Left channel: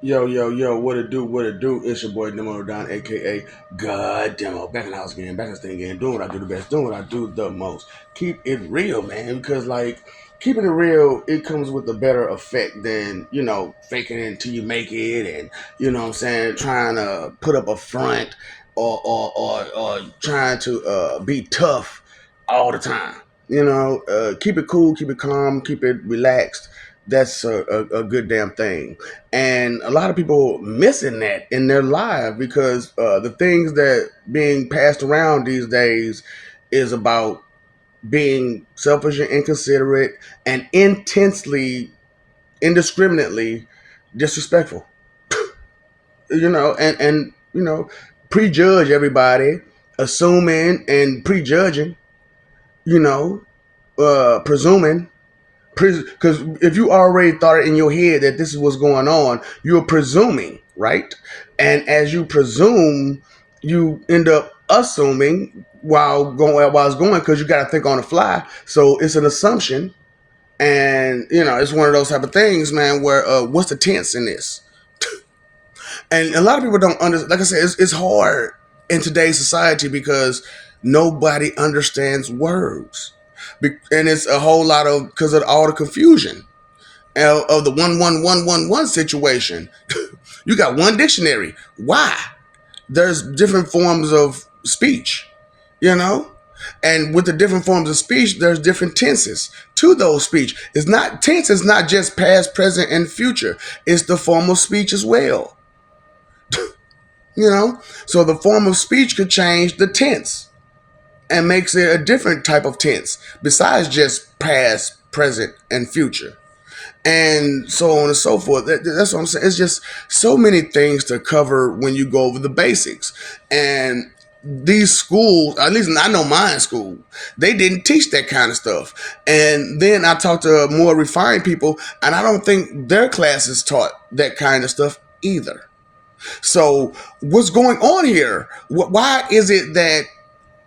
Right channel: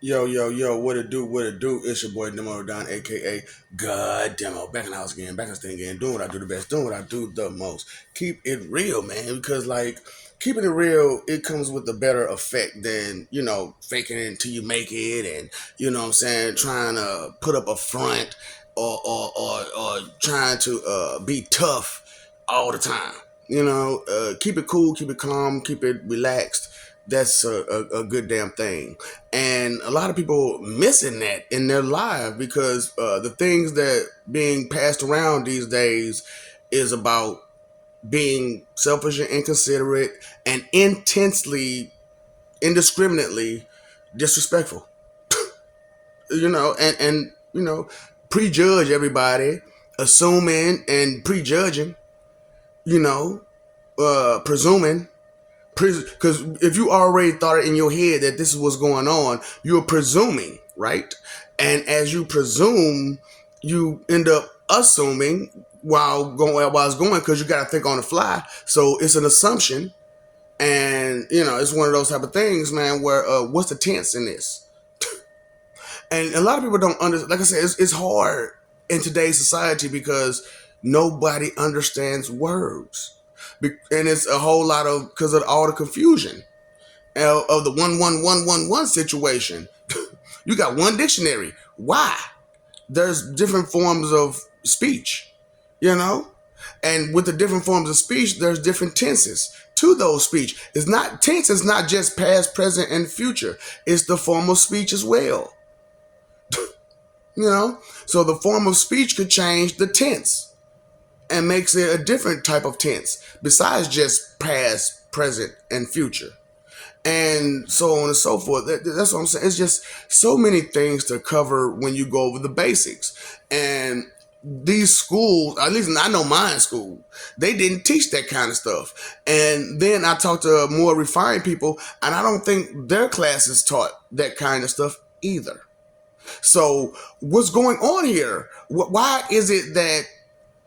Yo, yo, yo, what it do, what it do? It's your boy Demo Don, aka God Demo. Back in the house again, back in the thing again, doing what I do the best, doing what I do the most. Keep it real, man, because like keeping it real, it comes with a better effect than, faking it until you make it and what I'm saying, trying to put up a front or trying to be tough all the time. Keep it cool, keep it calm, keep it relaxed. That's a good damn thing. And a lot of people missing that in their life because the things that being passed around these days is about being selfish and inconsiderate and intensely, indiscriminately disrespectful. And prejudge everybody, assuming and prejudging, you know, presuming. Because if you already thought it in your head that this is what's going on, you're presuming, right? And as you presume, you end up assuming while it's going because you got to think on the fly. So it's an assumption, and it's one of those type of things, man. Where what's the tense in this? And a lot of people don't understand. Like I said, it's hard in today's society because nobody understands words, and it's a whole lot of because of all the confusion of the 11111 situation. You got one dictionary. Why? There's different forms of speech, you know, and with the different forms of speech, there's different tenses to those speech. It's not tense. It's not just past, present, and future. It's the form of speech as well. So the form of speech could change the tense and makes it a different type of tense besides just past, present, and future. And so on and so forth. That's what I'm saying. It's just so many things to cover when you go over the basics. And these schools, at least I know mine school, they didn't teach that kind of stuff. And then I talked to more refined people, and I don't think their classes taught that kind of stuff either. So what's going on here? Why is it that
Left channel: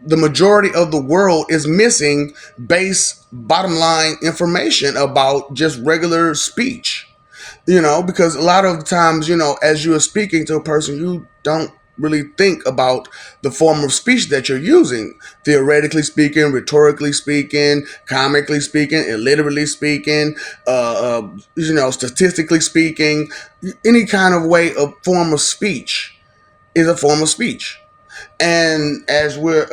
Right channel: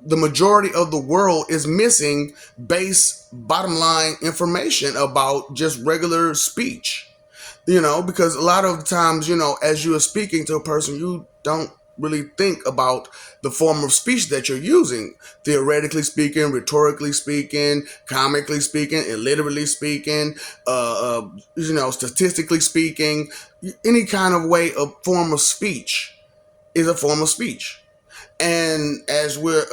the majority of the world is missing base bottom line information about just regular speech? Because a lot of times, as you are speaking to a person, you don't really think about the form of speech that you're using, theoretically speaking, rhetorically speaking, comically speaking, illiterally speaking, statistically speaking. Any kind of way of form of speech is a form of speech. And as we're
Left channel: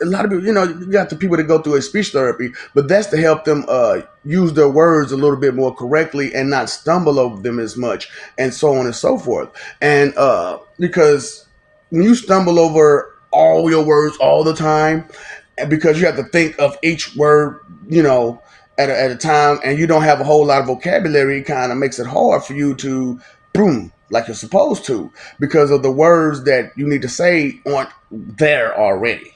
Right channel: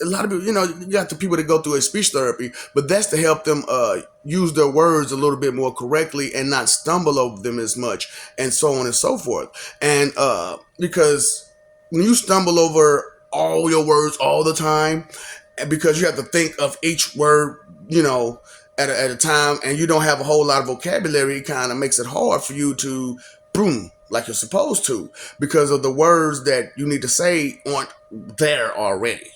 a lot of people, you got the people that go through a speech therapy, but that's to help them use their words a little bit more correctly and not stumble over them as much, and so on and so forth. And because when you stumble over all your words all the time, and because you have to think of each word, at a time, and you don't have a whole lot of vocabulary, it kind of makes it hard for you to boom like you're supposed to because of the words that you need to say aren't there already.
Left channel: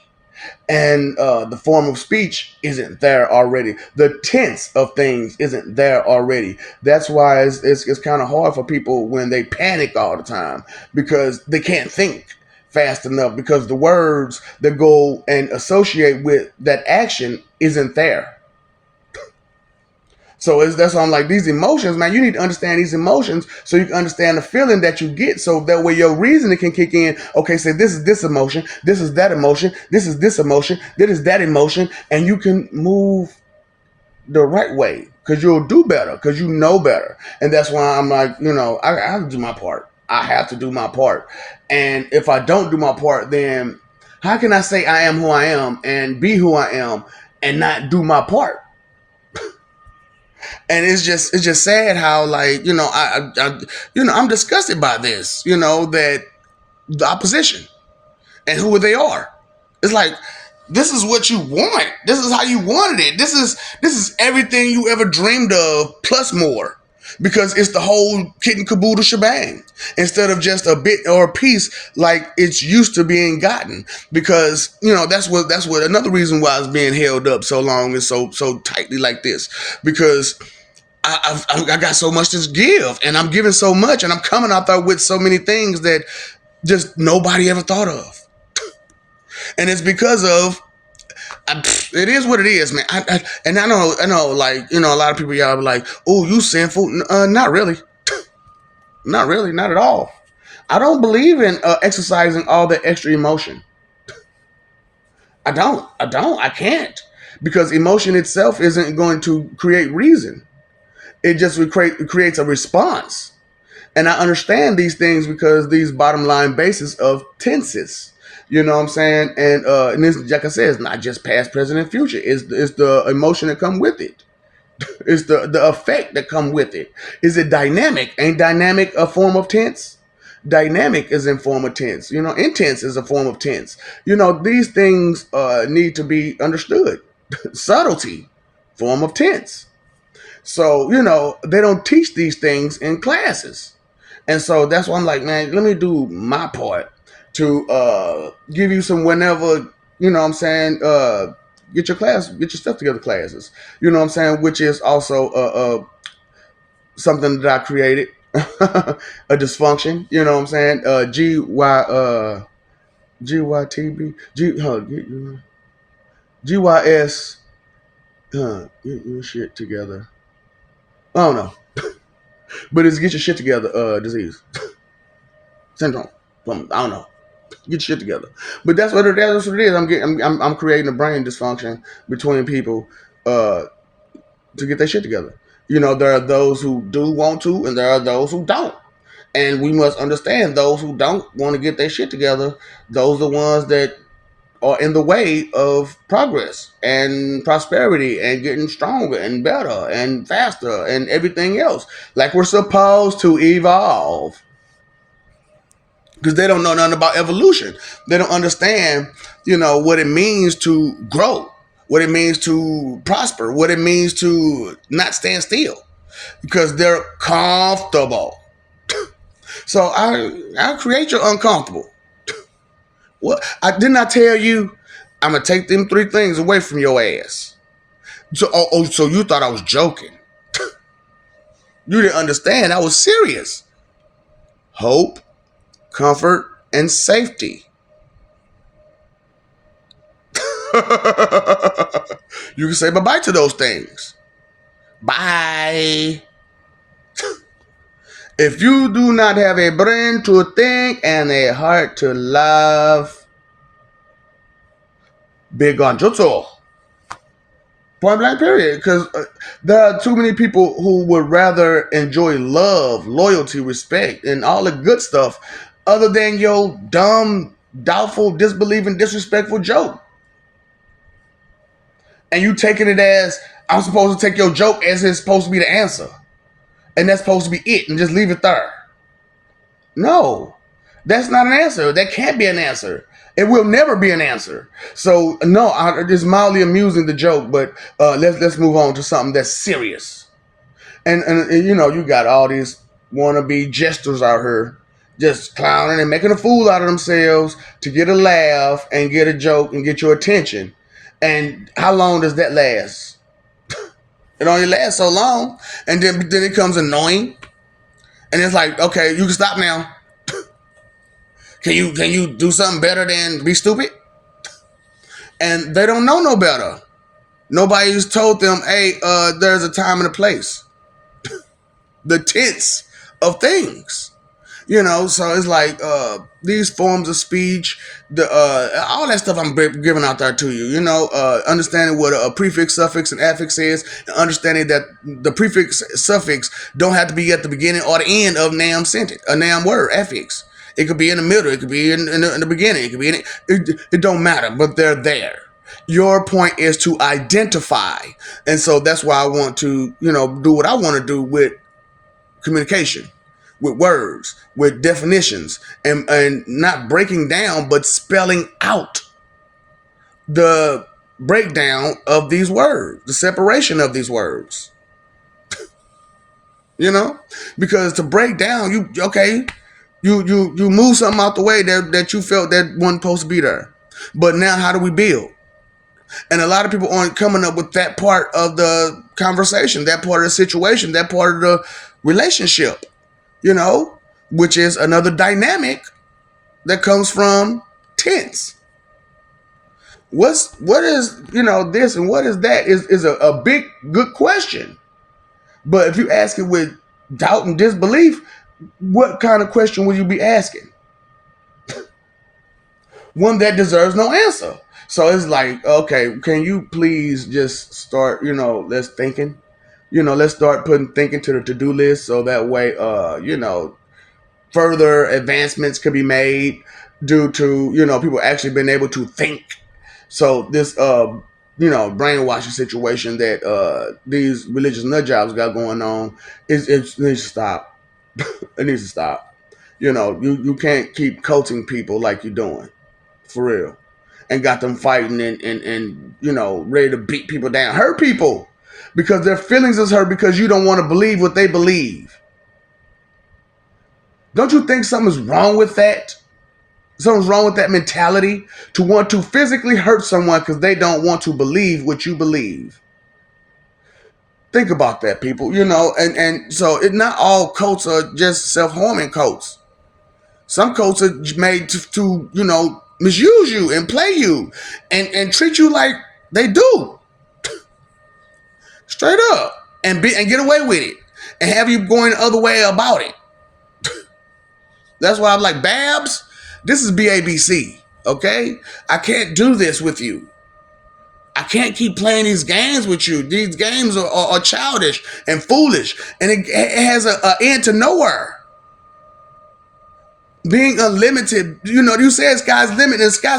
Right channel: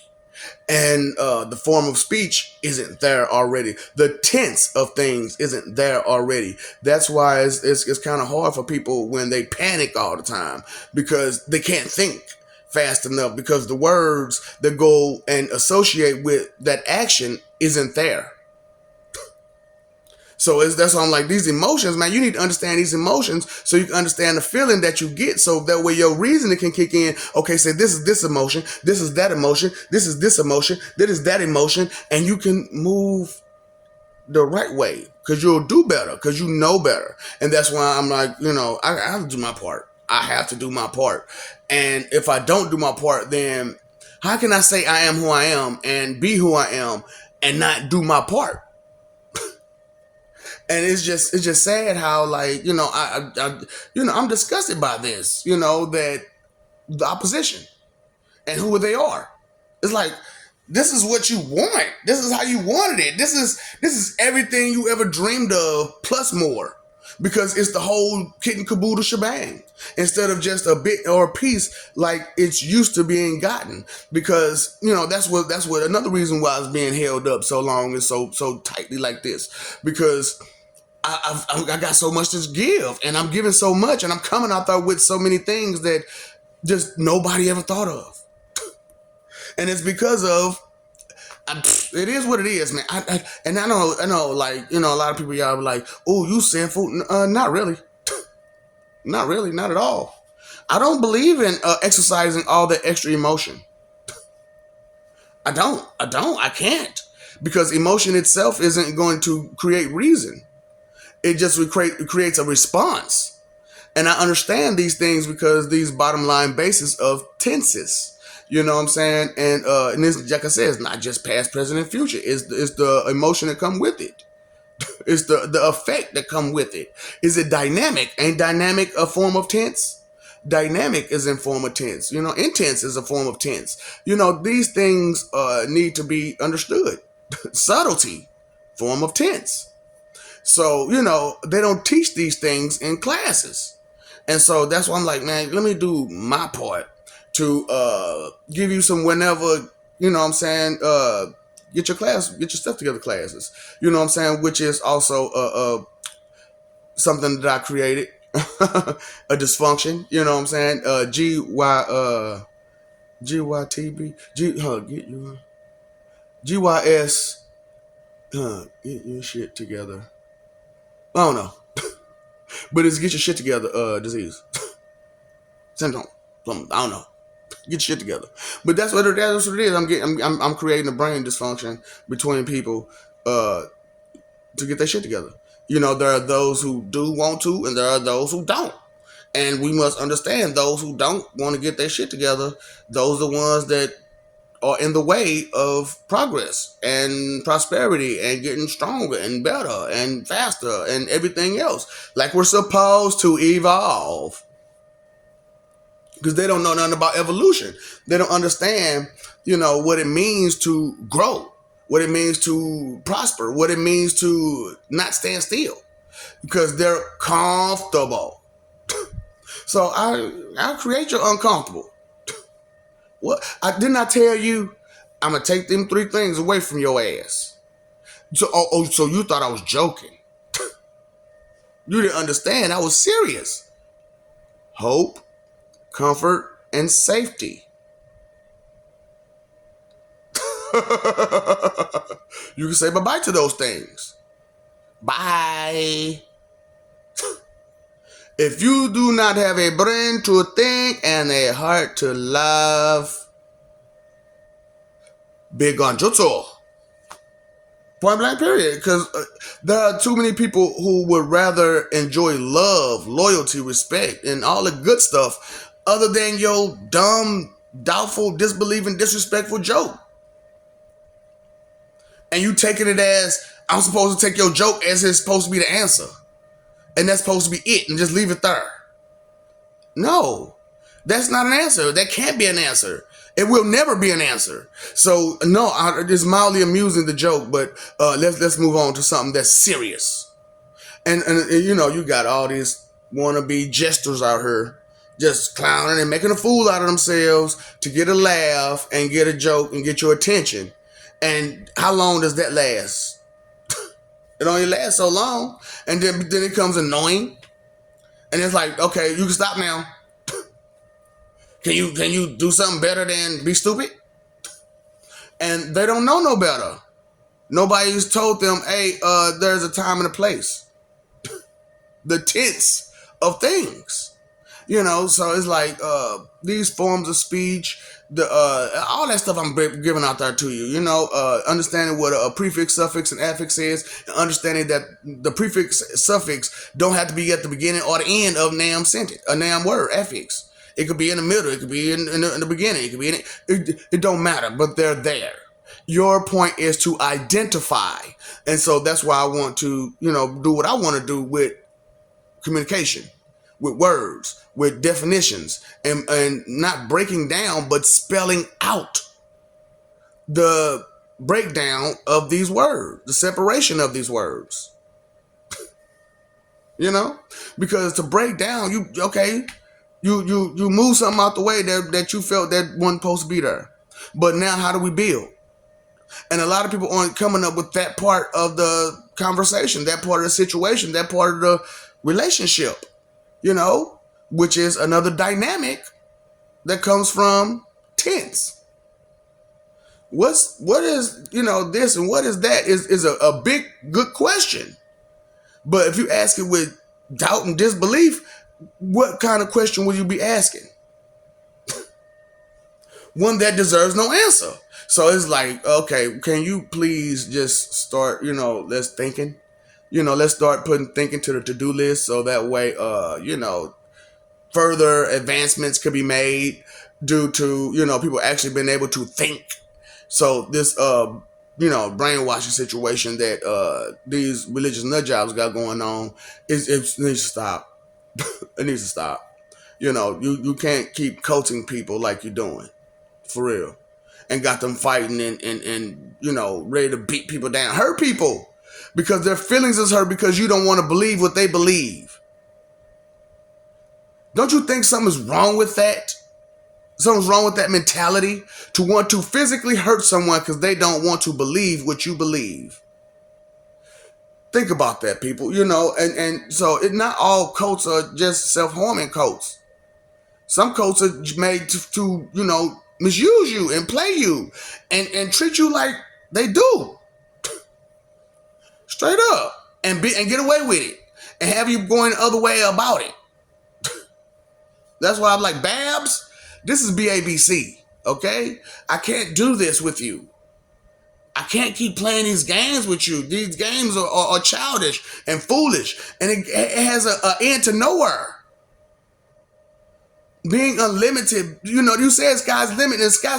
And the form of speech isn't there already. The tense of things isn't there already. That's why it's kind of hard for people when they panic all the time because they can't think fast enough because the words that go and associate with that action isn't there. So that's why I'm like, these emotions, man, you need to understand these emotions so you can understand the feeling that you get. So that way your reasoning can kick in. Okay, say this is this emotion, this is that emotion, this is this emotion, this is that emotion, and you can move the right way because you'll do better because you know better. And that's why I'm like, I have to do my part. I have to do my part. And if I don't do my part, then how can I say I am who I am and be who I am and not do my part? And it's just sad how like I'm disgusted by this that the opposition and who they are. It's like this is what you want. This is how you wanted it. This is everything you ever dreamed of plus more because it's the whole kit and caboodle shebang instead of just a bit or a piece like it's used to being gotten. Because that's what another reason why it's being held up so long and so tightly like this because I got so much to give, and I'm giving so much, and I'm coming out there with so many things that just nobody ever thought of, and it's because of it is what it is, man. And I know, like a lot of people y'all be like, "Oh, you sinful?" Not really. Not really, not at all. I don't believe in exercising all the extra emotion. I don't. I don't. I can't. Because emotion itself isn't going to create reason. It just creates a response. And I understand these things because these bottom line basis of tenses. You know what I'm saying? And this, like I said, it's not just past, present, and future. It's the emotion that come with it. It's the effect that come with it. Is it dynamic? Ain't dynamic a form of tense? Dynamic is in form of tense. You know, intense is a form of tense. You know, these things need to be understood. Subtlety, form of tense. So, you know, they don't teach these things in classes. And so that's why I'm like, man, let me do my part to give you some whenever, you know what I'm saying, get your stuff together classes. You know what I'm saying, which is also something that I created. A dysfunction, you know what I'm saying? GYTB GYS get your shit together. I don't know. But it's get your shit together disease. Syndrome. I don't know. Get your shit together. But that's what it is. I'm creating a brain dysfunction between people to get their shit together. You know, there are those who do want to, and there are those who don't. And we must understand those who don't want to get their shit together. Those are the ones that are in the way of progress and prosperity and getting stronger and better and faster and everything else. Like we're supposed to evolve. Because they don't know nothing about evolution. They don't understand, you know, what it means to grow, what it means to prosper, what it means to not stand still. Because they're comfortable. So I create your uncomfortable. What I did not tell you, I'm gonna take them three things away from your ass. So you thought I was joking. You didn't understand. I was serious. Hope, comfort, and safety. You can say bye-bye to those things. Bye. If you do not have a brain to think and a heart to love, be gone jutsu. Point blank period. Because there are too many people who would rather enjoy love, loyalty, respect, and all the good stuff other than your dumb, doubtful, disbelieving, disrespectful joke. And you taking it as, I'm supposed to take your joke as it's supposed to be the answer. And that's supposed to be it and just leave it there. No, that's not an answer. That can't be an answer. It will never be an answer. So no, it's mildly amusing, the joke, but let's move on to something that's serious. And you know, you got all these wannabe jesters out here just clowning and making a fool out of themselves to get a laugh and get a joke and get your attention. And how long does that last? It only lasts so long, and then it becomes annoying. And it's like, okay, you can stop now. Can you do something better than be stupid? And they don't know no better. Nobody's told them, hey, there's a time and a place. The tense of things. You know, so it's like these forms of speech, all that stuff I'm giving out there to you. You know, understanding what a prefix, suffix, and affix is, and understanding that the prefix, suffix don't have to be at the beginning or the end of NAM sentence, a NAM word, affix. It could be in the middle. It could be in the beginning. It could be in it. It don't matter, but they're there. Your point is to identify, and so that's why I want to, you know, do what I want to do with communication, with words, with definitions, and not breaking down, but spelling out the breakdown of these words, the separation of these words. You know, because to break down, you move something out the way that you felt that wasn't supposed to be there. But now, how do we build? And a lot of people aren't coming up with that part of the conversation, that part of the situation, that part of the relationship, you know, which is another dynamic that comes from tense. What is, you know, this and what is that is a big, good question. But if you ask it with doubt and disbelief, what kind of question will you be asking? One that deserves no answer. So it's like, okay, can you please just start, let's thinking, let's start putting thinking to the to-do list so that way, further advancements could be made due to, people actually being able to think. So this, brainwashing situation that these religious nut jobs got going on it needs to stop. It needs to stop. You can't keep coaching people like you're doing, for real, and got them fighting and ready to beat people down, hurt people, because their feelings is hurt because you don't want to believe what they believe. Don't you think something's wrong with that? Something's wrong with that mentality to want to physically hurt someone because they don't want to believe what you believe. Think about that, people. And so not all cults are just self-harming cults. Some cults are made to misuse you and play you and treat you like they do. Straight up. And get away with it. And have you going the other way about it. That's why I'm like, Babs, this is BABC, okay? I can't do this with you. I can't keep playing these games with you. These games are childish and foolish, and it has an end to nowhere. Being unlimited, you say sky's limit, and sky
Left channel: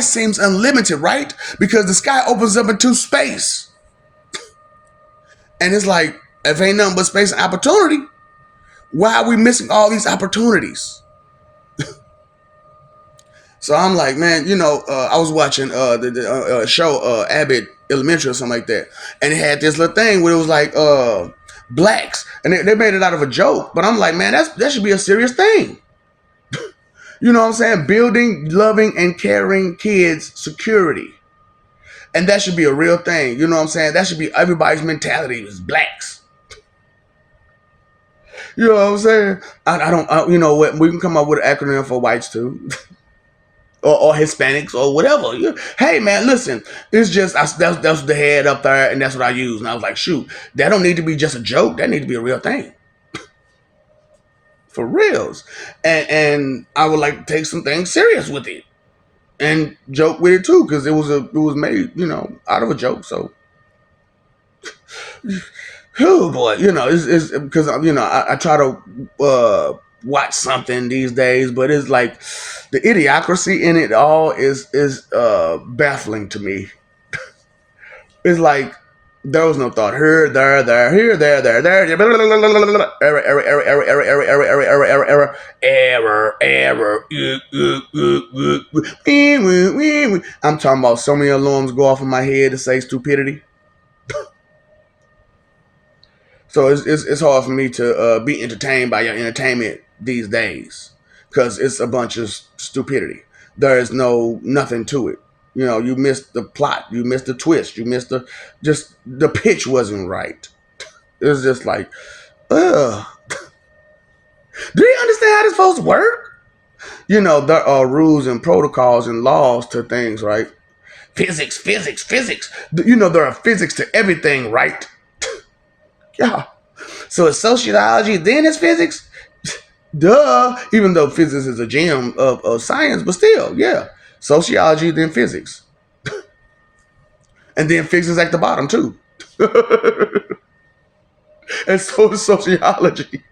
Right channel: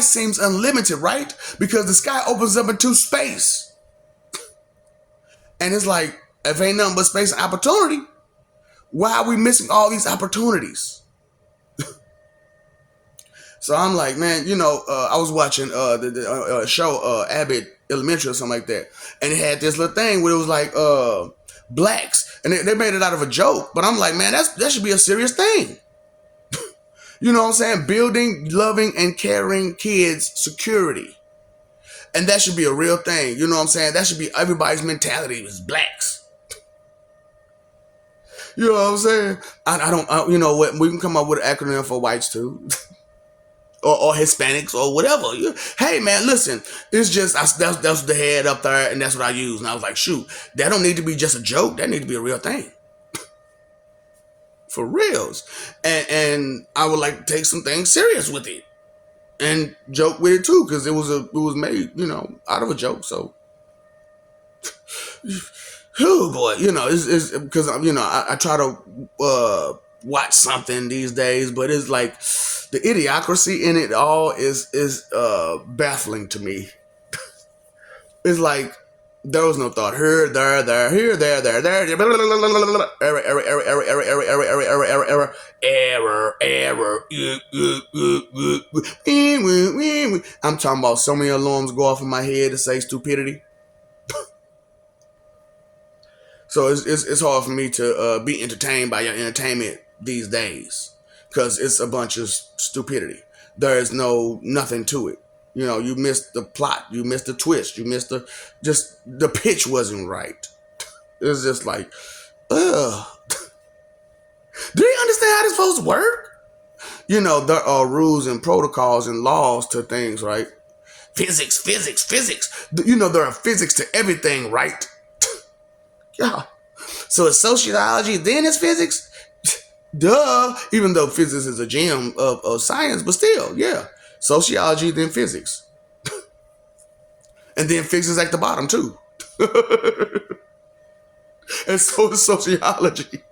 seems unlimited, right? Because the sky opens up into space. And it's like, if ain't nothing but space and opportunity, why are we missing all these opportunities? So I'm like, man, I was watching the show Abbott Elementary or something like that, and it had this little thing where it was like blacks, and they made it out of a joke. But I'm like, man, that should be a serious thing. You know what I'm saying? Building, loving, and caring kids security, and that should be a real thing. You know what I'm saying? That should be everybody's mentality is blacks. You know what I'm saying? I don't. You know what? We can come up with an acronym for whites too. Or Hispanics or whatever. Hey man, listen, it's just that's the head up there, and that's what I use. And I was like, shoot, that don't need to be just a joke. That need to be a real thing, for reals. And I would like to take some things serious with it and joke with it too, because it was made out of a joke. So, oh boy, it's because I try to watch something these days, but it's like, the idiocracy in it all is baffling to me. It's like there was no thought here, there, here, there, error. I'm talking about so many alarms go off in my head to say stupidity. So it's hard for me to be entertained by your entertainment these days. Because it's a bunch of stupidity. There is nothing to it. You missed the plot. You missed the twist. You missed the pitch wasn't right. It was just like, ugh. Do you understand how this supposed to work? There are rules and protocols and laws to things, right? Physics. There are physics to everything, right? Yeah. So it's sociology, then it's physics? Duh, even though physics is a gem of science, but still, yeah. Sociology, then physics. And then physics at the bottom, too. And so is sociology.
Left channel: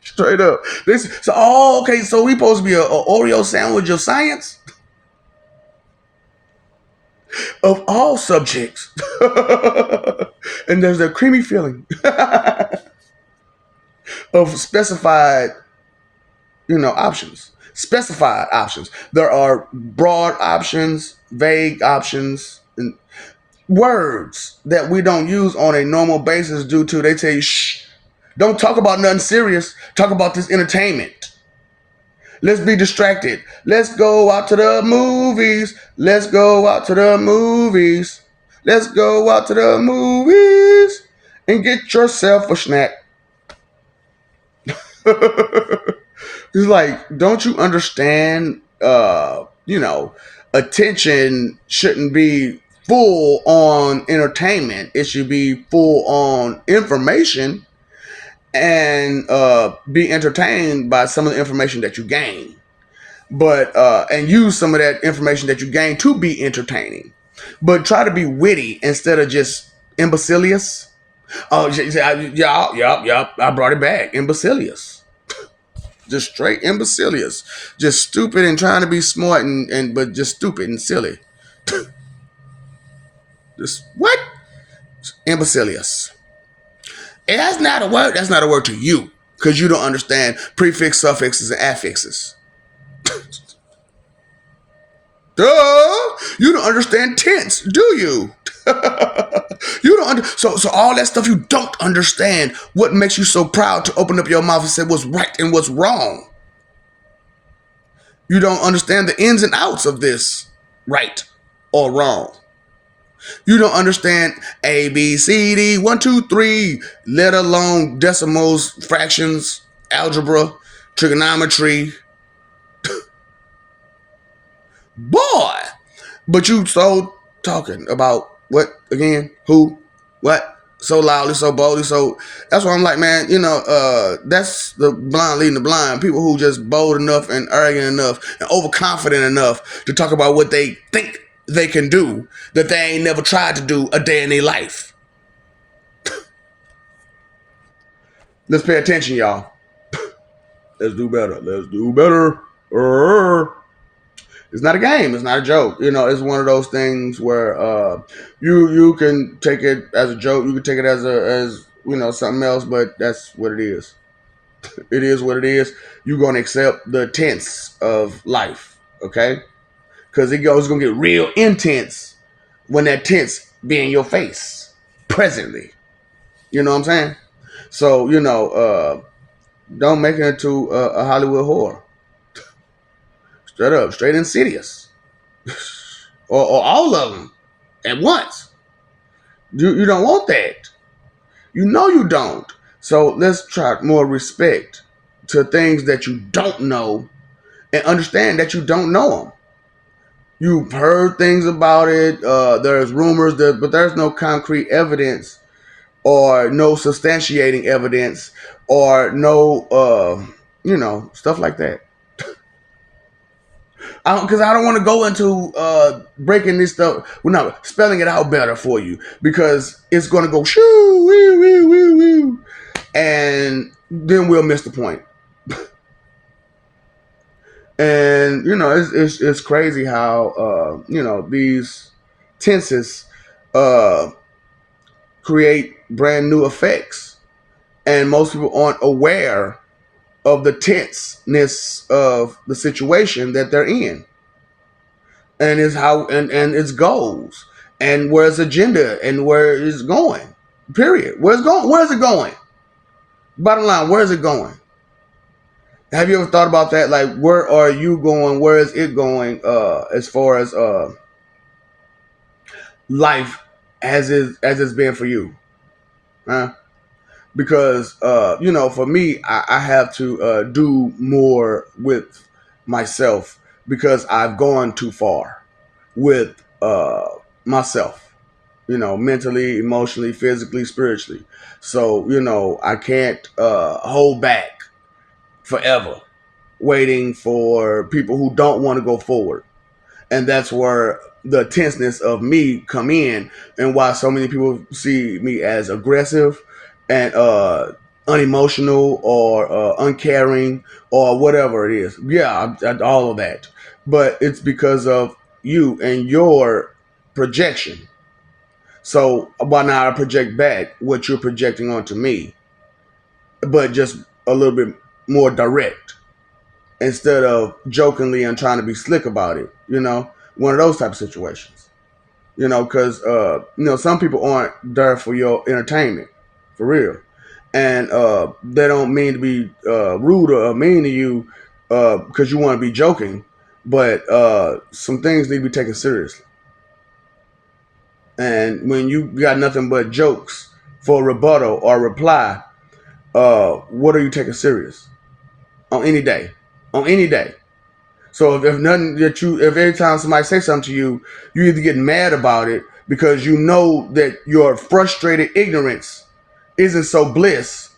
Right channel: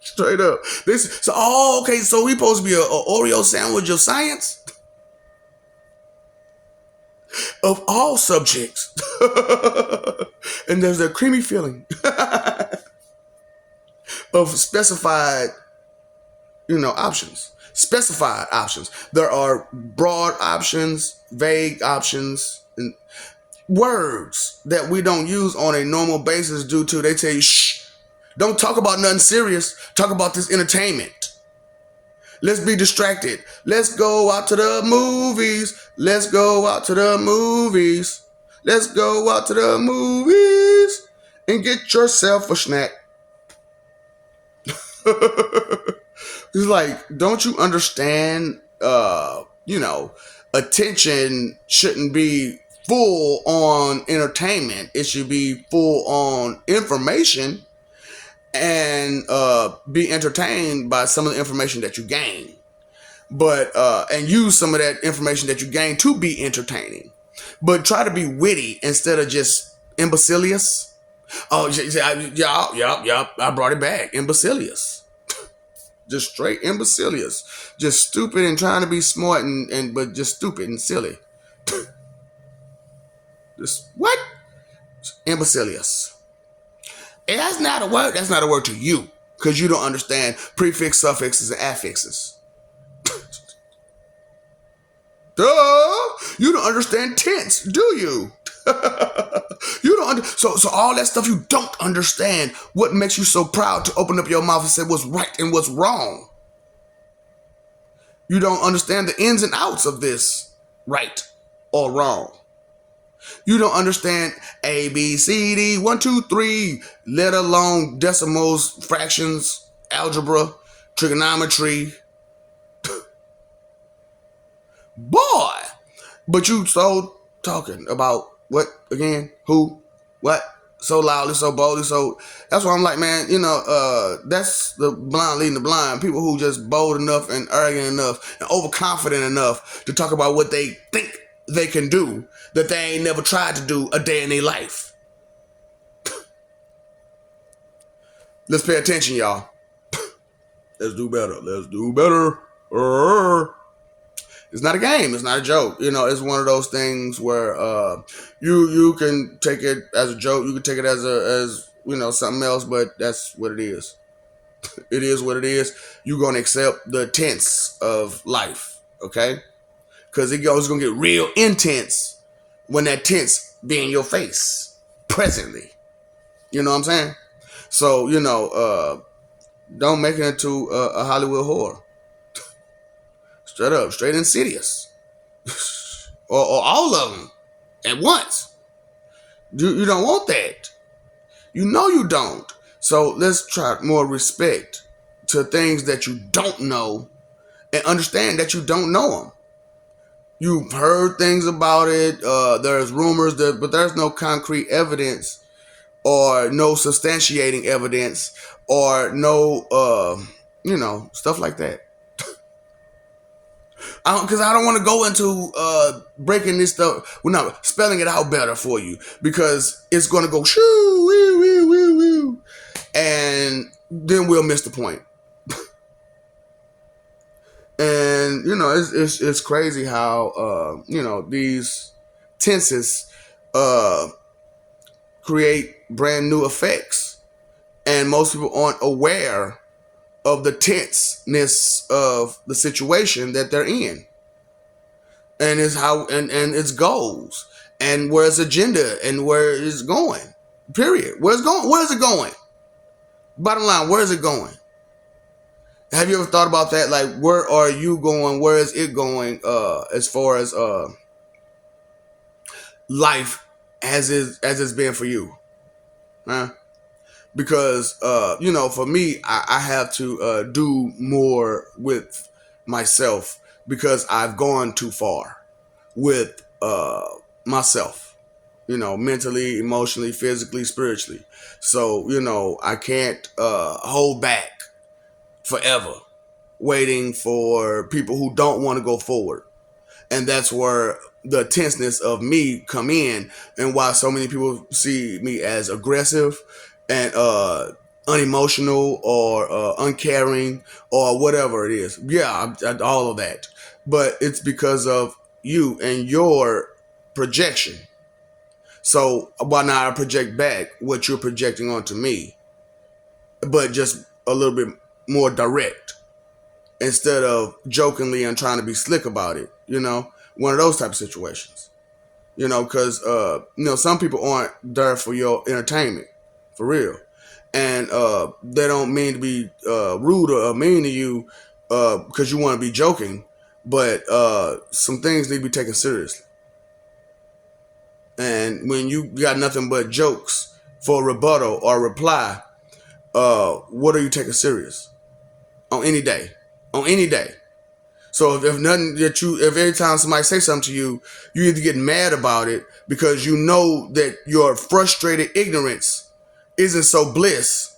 Straight up. Okay, so we supposed to be an Oreo sandwich of science? Of all subjects. And there's a creamy feeling of specified options. Specified options. There are broad options, vague options, and words that we don't use on a normal basis due to they tell you, shh, don't talk about nothing serious. Talk about this entertainment. Let's be distracted. Let's go out to the movies. Let's go out to the movies. Let's go out to the movies and get yourself a snack. It's like, don't you understand? Attention shouldn't be full on entertainment. It should be full on information and be entertained by some of the information that you gain, but and use some of that information that you gain to be entertaining, but try to be witty instead of just imbecilious. Oh yeah, I brought it back. Imbecilious, just straight imbecilious, just stupid and trying to be smart and but just stupid and silly. Just what? Imbecilious. And that's not a word. That's not a word to you because you don't understand prefix, suffixes, and affixes. Duh! You don't understand tense, do you? You don't so all that stuff you don't understand. What makes you so proud to open up your mouth and say what's right and what's wrong? You don't understand the ins and outs of this right or wrong. You don't understand A, B, C, D, 1, 2, 3, let alone decimals, fractions, algebra, trigonometry. Boy! But you so talking about what again? Who? What? So loudly, so boldly, so that's why I'm like, man, that's the blind leading the blind. People who just bold enough and arrogant enough and overconfident enough to talk about what they think they can do that they ain't never tried to do a day in their life. Let's pay attention, y'all. Let's do better. Let's do better. It's not a game. It's not a joke. It's one of those things where you can take it as a joke. You can take it as something else, but that's what it is. It is what it is. You're gonna accept the tense of life, okay? Because it's gonna get real intense when that tense be in your face presently. You know what I'm saying? So don't make it into a Hollywood horror. Straight up, straight insidious. or all of them at once. You don't want that. You know you don't. So let's try more respect to things that you don't know and understand that you don't know them. You've heard things about it. There's rumors, but there's no concrete evidence or no substantiating evidence or no, stuff like that. Because I don't want to go into breaking this stuff. We're not spelling it out better for you because it's going to go shoo, woo, woo, woo, woo, and then we'll miss the point. And it's crazy how these tenses create brand new effects, and most people aren't aware of the tenseness of the situation that they're in, and is how and its goals and where its agenda and where it's going. Period. Where's going? Where is it going? Bottom line, where is it going? Have you ever thought about that? Like, where are you going? Where is it going? As far as life as it's been for you, huh? Because for me, I have to do more with myself because I've gone too far with myself, mentally, emotionally, physically, spiritually. So I can't hold back forever waiting for people who don't want to go forward. And that's where the tenseness of me come in, and why so many people see me as aggressive and unemotional or uncaring or whatever it is. Yeah, all of that. But it's because of you and your projection. So why not I project back what you're projecting onto me, but just a little bit more direct instead of jokingly and trying to be slick about it. One of those type of situations. Because some people aren't there for your entertainment, for real, and they don't mean to be rude or mean to you because you want to be joking, but some things need to be taken seriously. And when you got nothing but jokes for a rebuttal or reply, what are you taking serious on any day? On any day. So if nothing that if every time somebody say something to you, you either get mad about it because you know that your frustrated ignorance isn't so bliss,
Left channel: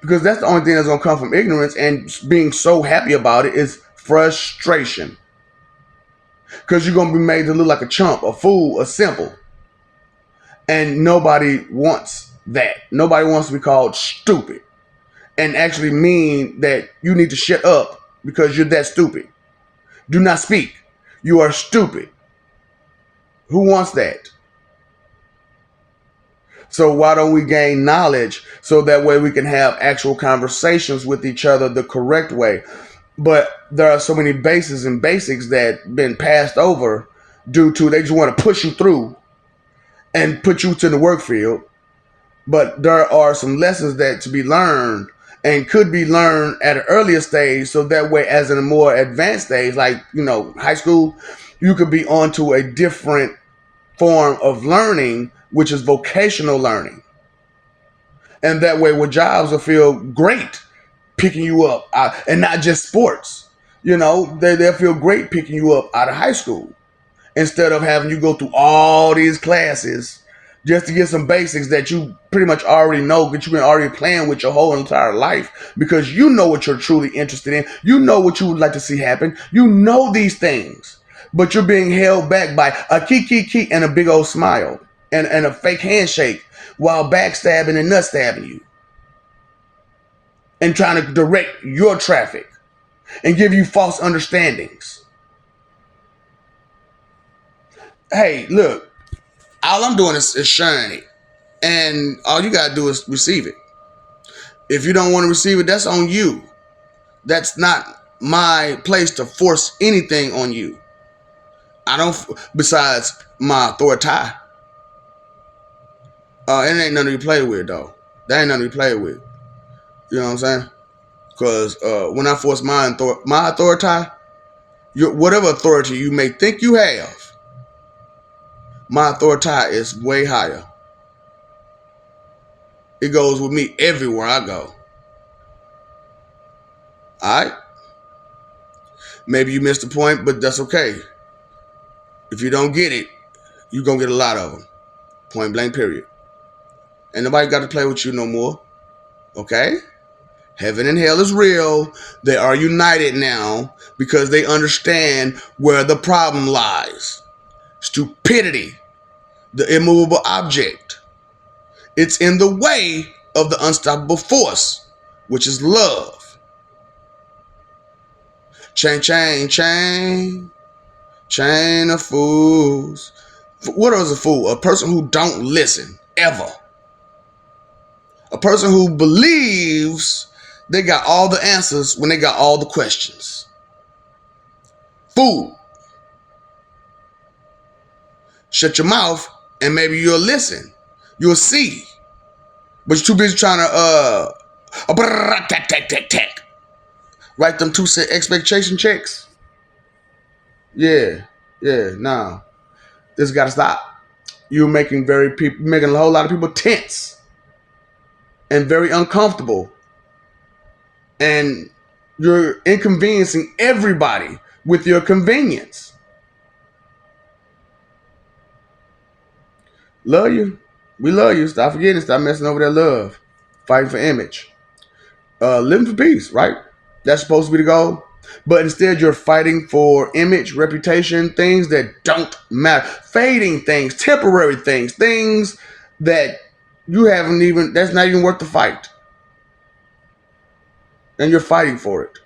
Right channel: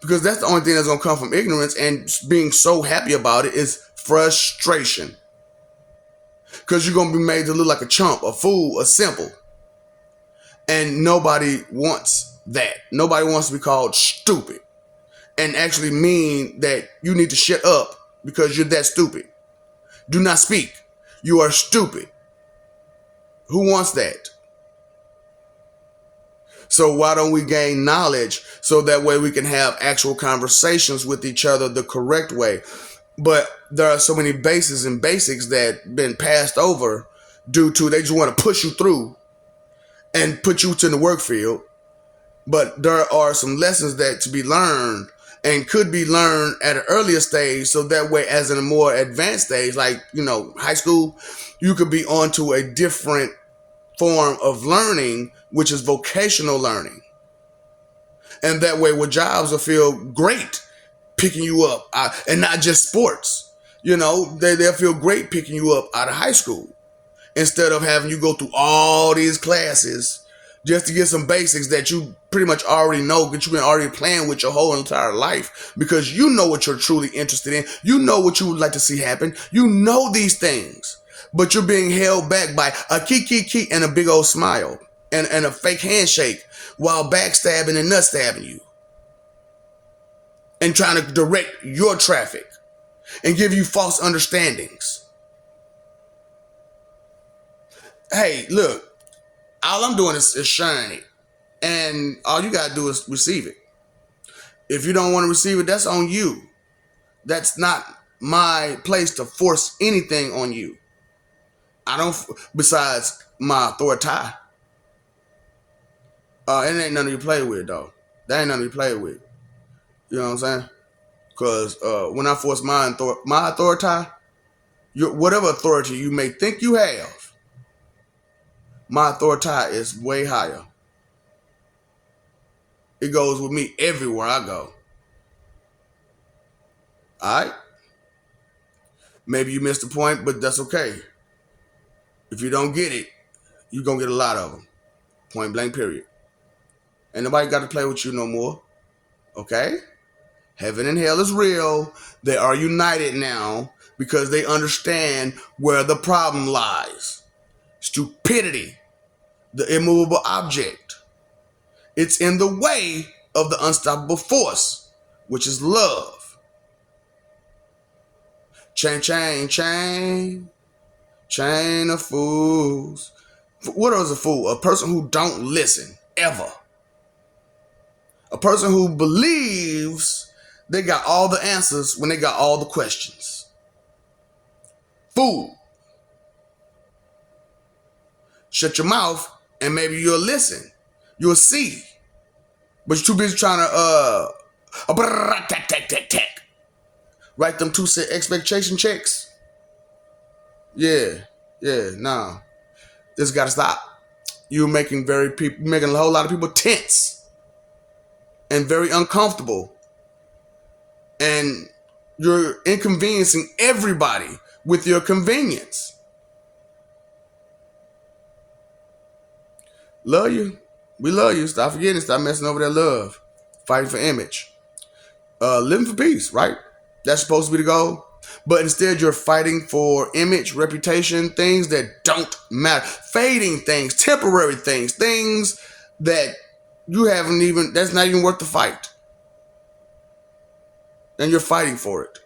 Because that's the only thing that's going to come from ignorance, and being so happy about it is frustration. Because you're going to be made to look like a chump, a fool, a simple. And nobody wants that. Nobody wants to be called stupid. And actually mean that you need to shut up because you're that stupid. Do not speak. You are stupid. Who wants that? So why don't we gain knowledge so that way we can have actual conversations with each other the correct way? But there are so many bases and basics that been passed over due to they just want to push you through and put you to the work field. But there are some lessons that to be learned and could be learned at an earlier stage, so that way as in a more advanced stage, like, high school, you could be onto a different form of learning, which is vocational learning. And that way with jobs will feel great picking you up, and not just sports. They'll feel great picking you up out of high school instead of having you go through all these classes just to get some basics that you pretty much already know, that you've been already playing with your whole entire life, because you know what you're truly interested in. You know what you would like to see happen. You know these things, but you're being held back by a key and a big old smile and a fake handshake while backstabbing and nut stabbing you and trying to direct your traffic and give you false understandings. Hey, look, all I'm doing is sharing it, and all you gotta do is receive it. If you don't want to receive it, that's on you. That's not my place to force anything on you. I don't, besides my authority. It ain't nothing to be played with, though. That ain't nothing to be played with. You know what I'm saying? Because when I force my authority, whatever authority you may think you have, my authority is way higher. It goes with me everywhere I go. Alright? Maybe you missed the point, but that's okay. If you don't get it, you're going to get a lot of them. Point blank, period. Ain't nobody got to play with you no more. Okay? Heaven and hell is real. They are united now because they understand where the problem lies. Stupidity, the immovable object. It's in the way of the unstoppable force, which is love. Chain, chain, chain. Chain of fools. What is a fool? A person who don't listen, ever. A person who believes they got all the answers when they got all the questions. Fool. Shut your mouth and maybe you'll listen. You'll see. But you're too busy trying to write them 2 cent expectation checks. Yeah, nah. This gotta stop. You're making making a whole lot of people tense and very uncomfortable. And you're inconveniencing everybody with your convenience. Love you. We love you. Stop forgetting. Stop messing over that love. Fighting for image. Living for peace, right? That's supposed to be the goal. But instead you're fighting for image, reputation, things that don't matter. Fading things, temporary things, things that that's not even worth the fight. And you're fighting for it.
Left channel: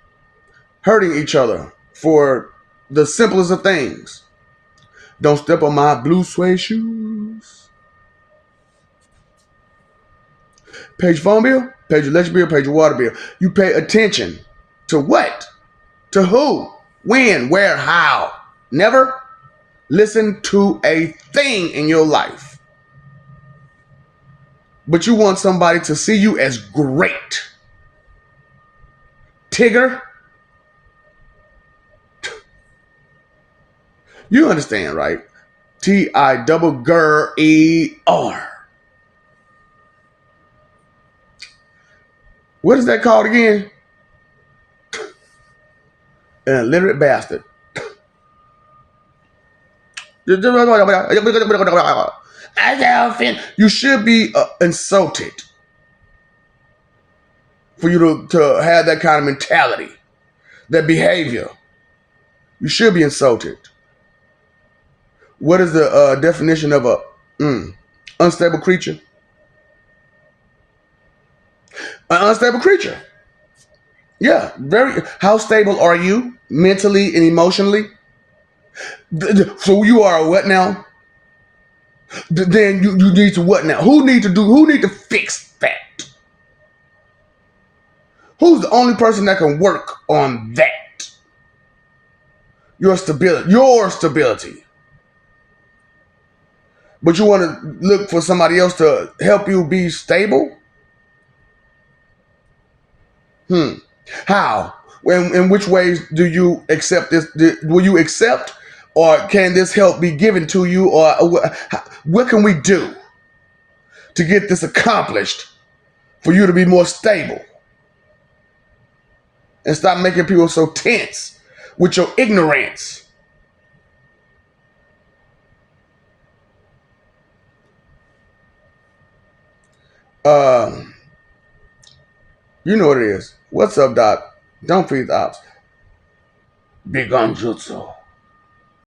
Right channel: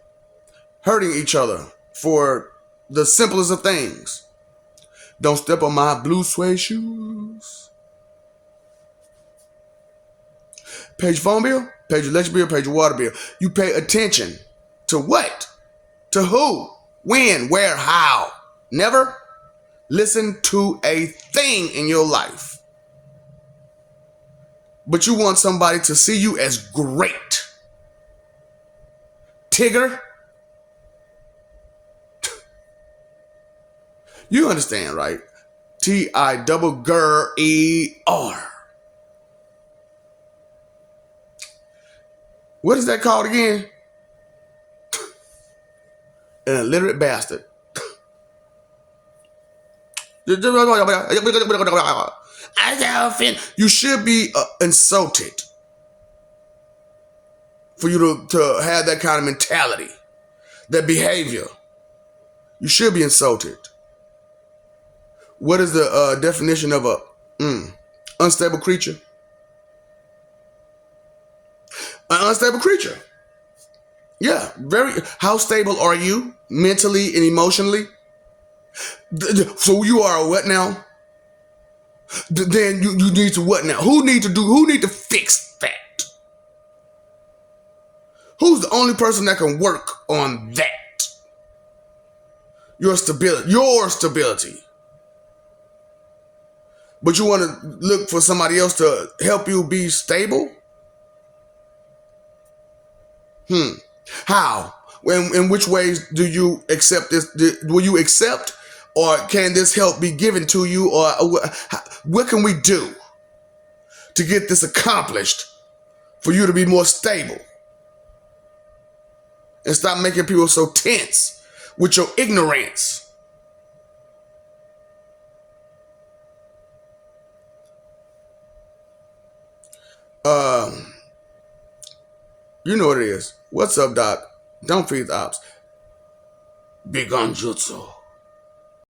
Hurting each other for the simplest of things. Don't step on my blue suede shoes. Pay your phone bill, pay your electric bill, pay your water bill. You pay attention to what? To who? When? Where? How? Never listen to a thing in your life. But you want somebody to see you as great. Tigger. You understand, right? T-I-double-G-E-R. What is that called again? An illiterate bastard. You should be insulted. for you to have that kind of mentality, that behavior. You should be insulted. What is the definition of a unstable creature? An unstable creature. Yeah, very. How stable are you mentally and emotionally? So you are what now? Then you need to what now? Who need to do? Who need to fix that? Who's the only person that can work on that? Your stability. Your stability. But you want to look for somebody else to help you be stable? How? In which ways do you accept this? Will you accept, or can this help be given to you, or what can we do to get this accomplished for you to be more stable and stop making people so tense with your ignorance? You know what it is. What's up, Doc? Don't feed the ops. Big on jutsu.